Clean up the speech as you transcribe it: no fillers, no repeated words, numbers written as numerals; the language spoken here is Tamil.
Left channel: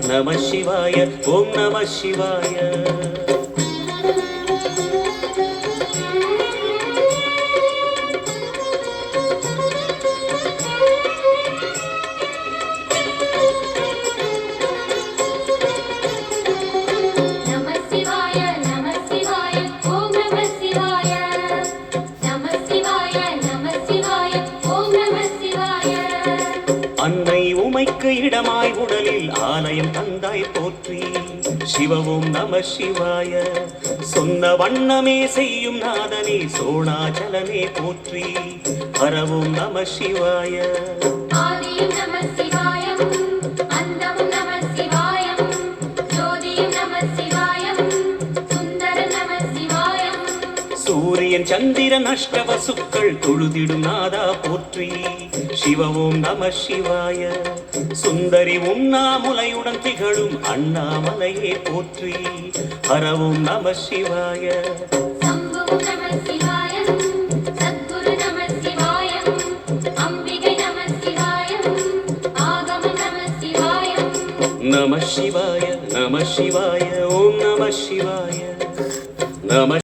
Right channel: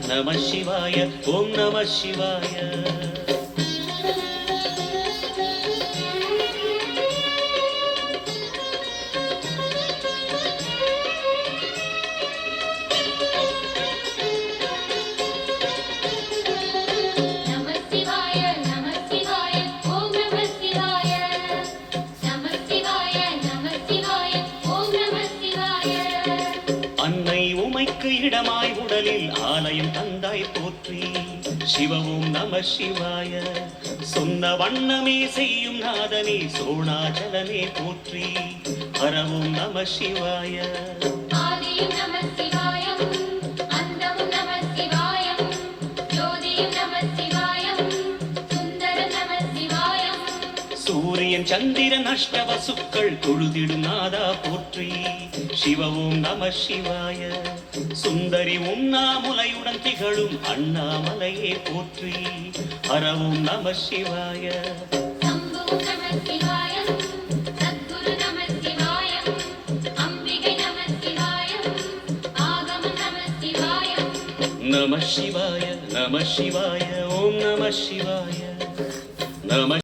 நம சிவாய. ஓம் நம சிவாய. அன்னை உமைக்கு இடமாய் உடலில் ஆலயம் தந்தாய் போற்றி. சிவவும் நம சிவாய. சொன்ன வண்ணமே செய்யும் நாதனே சோணாச்சலனே போற்றி. வரவும் நம சிவாய. சூரியன் சந்திரன் அஷ்டவசுக்கள் தொழுதிடும் நாதா போற்றி. சிவவும் நம சிவாய. சுந்தரி உண்ணாமுலையுடன் திகழும் அண்ணாமலையே போற்றி. ஹரவும் நம சிவாய. நம சிவாய. நம சிவாய. ஓம் நம சிவாய. நம